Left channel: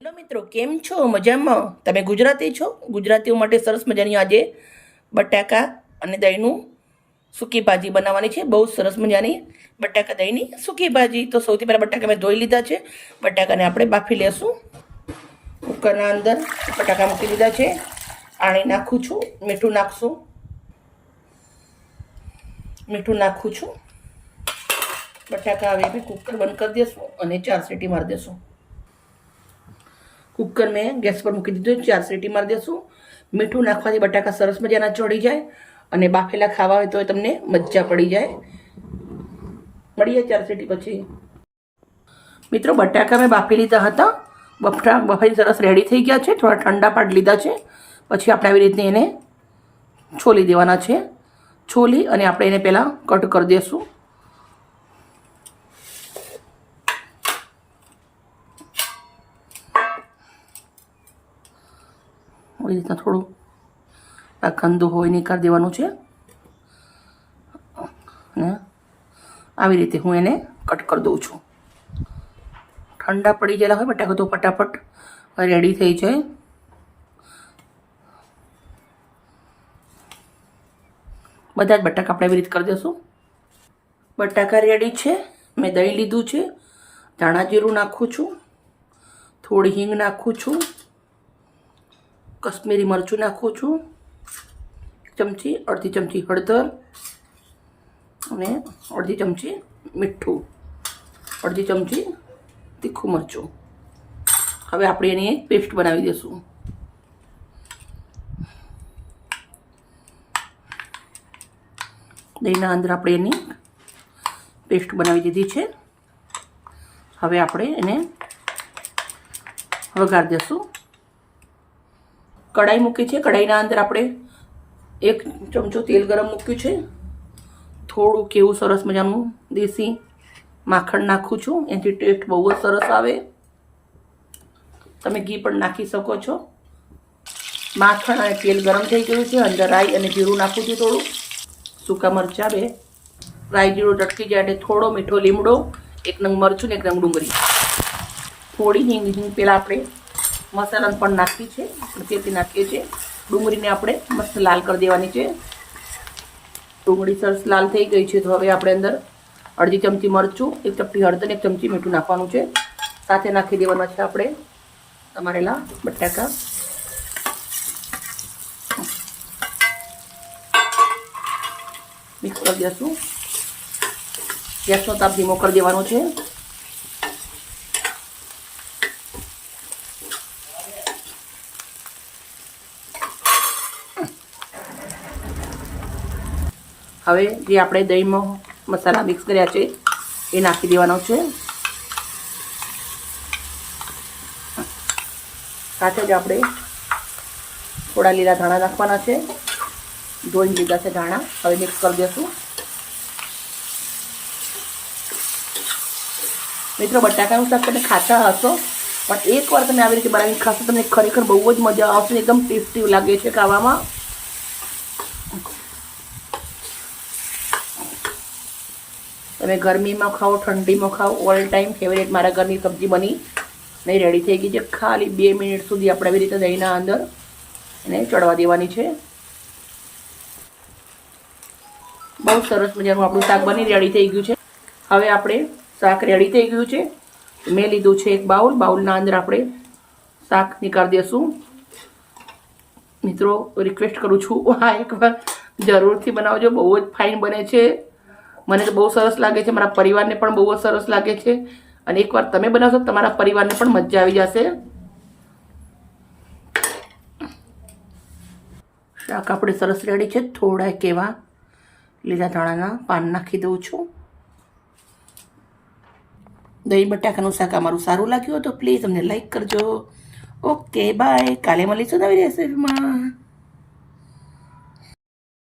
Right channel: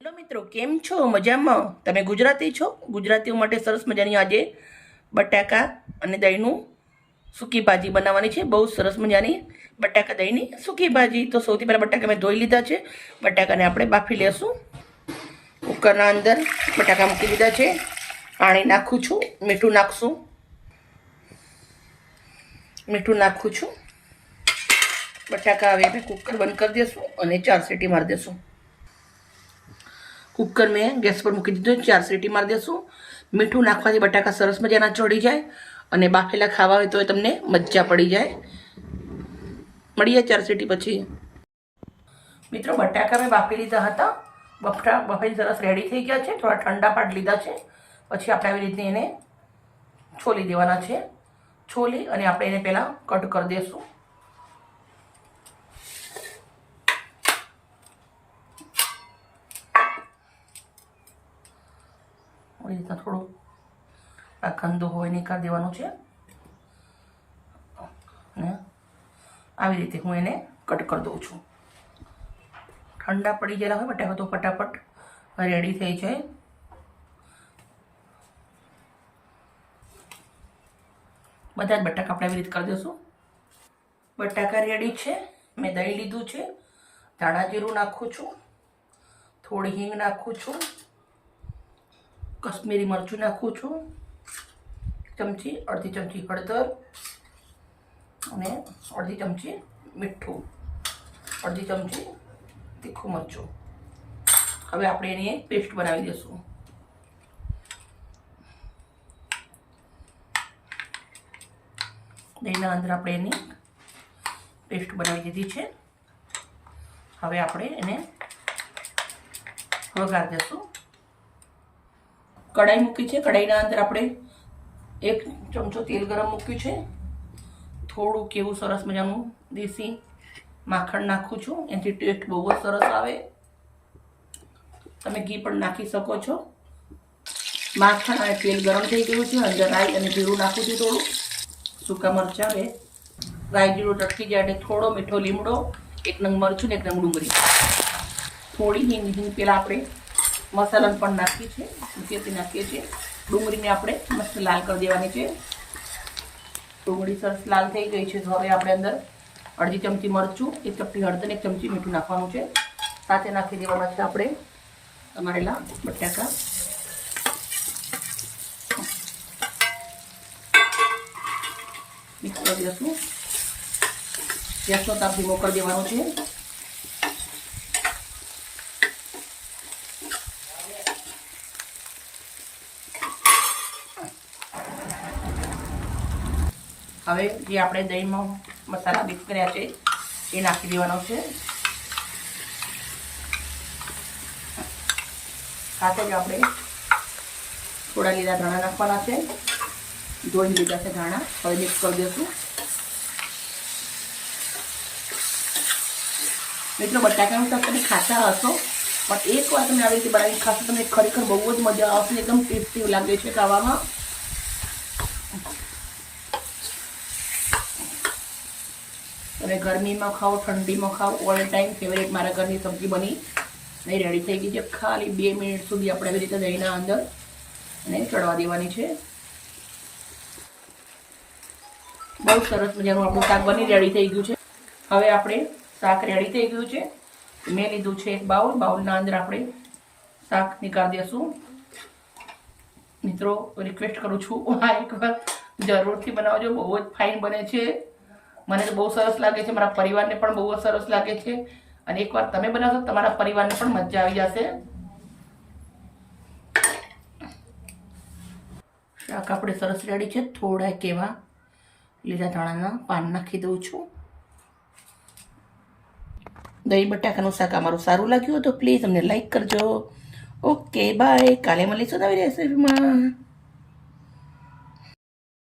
Hello મિત્રો, કેમ છો? મજામાં? તમે ગુજરાતી છો? ગુજરાતીઓ માટે સરસ મજાની આજે બટાકા અને દહીંનું સૂકી ભાજી બનાવવાની છે. બહુ સરસ મજાની બટાકા દહીંની સૂકી ભાજી. તો સૌથી પહેલાં બટાકા મેં ધોઈ લીધા છે. બટાકાને આપણે બાફી લેશું. કુકરના અંદર બટાકા મૂકી દીધા છે. પાણી નાખું છું, મીઠું નાખશું, મીઠું નાખું છું. બટાકા હવે આપણે કુકર બંધ કરી દઈશું અને 4 સીટી મારી દઈશું. કુકર મેં ગેસ પર મૂકી દીધું, 4 સીટી મારી દઈશું. મીઠું નાખવાથી બટાકા સરસ મજાના ચડી જાય અને બાફેલા ખાવા હોય તો તમને મજા પડી જાય. મળીએ 4 સીટી પછી. મિત્રો, બટાકા મેં બાફી લીધા હતા. બફાઈ સરસ રેડી થઈ ગયા છે. થોડા ઠંડા પાડી લીધા છે. પછી આપણે આવી રીતે એને છોલી દેવાના છે. છોલી અને આપણે એને પહેલાં કટ કરી દઈશું. આવી રીતના થોડું આ ગંદુ હોય નીકાળી દેવાનું છે. આવી રીતે હું એને કટ કરી દઉં છું. ઠંડા પડી ગયેલા હોય બટાકા તો ફટાફટ રેડી થઈ જાય. બધા જ બટાકા આપણે એવી રીતે કરી દઈશું. બટાકા રેડી છે. મેં દહીં લીધું છે. ધાણા જીરું નાખું છું, થોડી હિંગ નાખું છું, કશ્મીરી મરચું નાખું છું, ચમચી અડધી ચમચી હળદર અને અડધી ચમચી મીઠું, અડધી ચમચી તીખું મરચું. હવે આપણે એની પેસ્ટ બનાવી દઈશું. દહીંના અંદર આપણે એની પેસ્ટ બનાવી દીધી છે. હવે આપણે એને વઘારી દઈશું. કઢાઈ મૂકી છે. કઢાઈના અંદર આપણે 1 ચમચો તેલ ગરમ મૂક્યું છે. થોડું કેવું સરસ મજાનું દેશી માખણ નાખું છું. એનાથી ટેસ્ટ બહુ જ સરસ આવે. તમે ઘી પણ નાખી શકો છો. માખણ અને તેલ ગરમ થઈ ગયું છે. અંદર રાઈ અને જીરું નાખું છું. થોડું સૂકા મરચાં 2. રાઈ જીરું ટટકી જાય એટલે થોડો મીઠો લીમડો, 1 નંગ મરચું ને 1 નંગ ડુંગળી, થોડી હિંગ પહેલાં આપણે મસાલાને પણ નાખી છે. તેથી નાખીએ છીએ. ડુંગળીને આપણે મસ્ત લાલ કરી દેવાની છે. ડુંગળી સરસ લાલ થઈ ગઈ છે. તો હવે આપણે અંદર અડધી ચમચી મરચું, 1 ચપટી હળદર, 1 ચમચી મીઠું નાખવાનું છે. સાથે નાખી દેવાના છે આપણે તમારેલા બટાકા. મિક્સ કરી દઈશું. ગેસનો તાપ ધીમો કરી દેવાનો છે. હવે જે આપણે દહીંમાં મસાલા મિક્સ કર્યા છે એ નાખી દેવાનો છે. સાથે જ આપણે થોડા લીલા ધાણા નાખવાના છે. ધોઈ લીધા છે ધાણા. હવે મિક્સ કરી દઈશું. મિત્રો, બટાકાનું શાક તમે ખાતા હશો, પણ એકવાર તમે આવી રીતે બનાવીને ખાશો તમને ખરેખર બહુ જ મજા આવશે. એકદમ ટેસ્ટી લાગે છે ખાવામાં. તમે ગરમીમાં ખાઓ, ઠંડીમાં ખાઓ, ઓલ ટાઈમ ફેવરેટ. મારા ઘરની સબ્જી બની નહીં રેડી થઈ ગઈ છે. ખાલી 2 મિનિટ સુધી આપણે આવી રીતે દહીંના અંદર અને ચડવા દેવાની છે. બહુ સરસ મજાનું આપણું શાક બની રેડી થઈ ગયું છે. હવે આપણે શાક રેડી થઈ ગયું છે. મેં લીધું છે 1 બાઉલ. બાઉલના અંદર આપણે શાક નીકાળી દઈશું. મિત્રો, રિક્વેસ્ટ કરું છું, આ એકવાર જરૂરથી બનાવજો. બહુ જ ફાઇન બને છે. મને તો બહુ સરસ લાગે છે. મારા પરિવારને પણ બહુ જ સરસ લાગે છે. અને એકવાર તમે બનાવશો તમારા પરિવારને પણ મજા આવી જશે. શાક આપણે સરસ રેડી છે. થોડા કેવા લીલા ધાણાના પાન નાખી દઉં છું. દહીં બટાકાનું શાક અમારું સારું લાગ્યું તો પ્લીઝ અમને લાઈક કરજો. Okay, bye. કાલે મળીશું નવી રેસીપીમાં.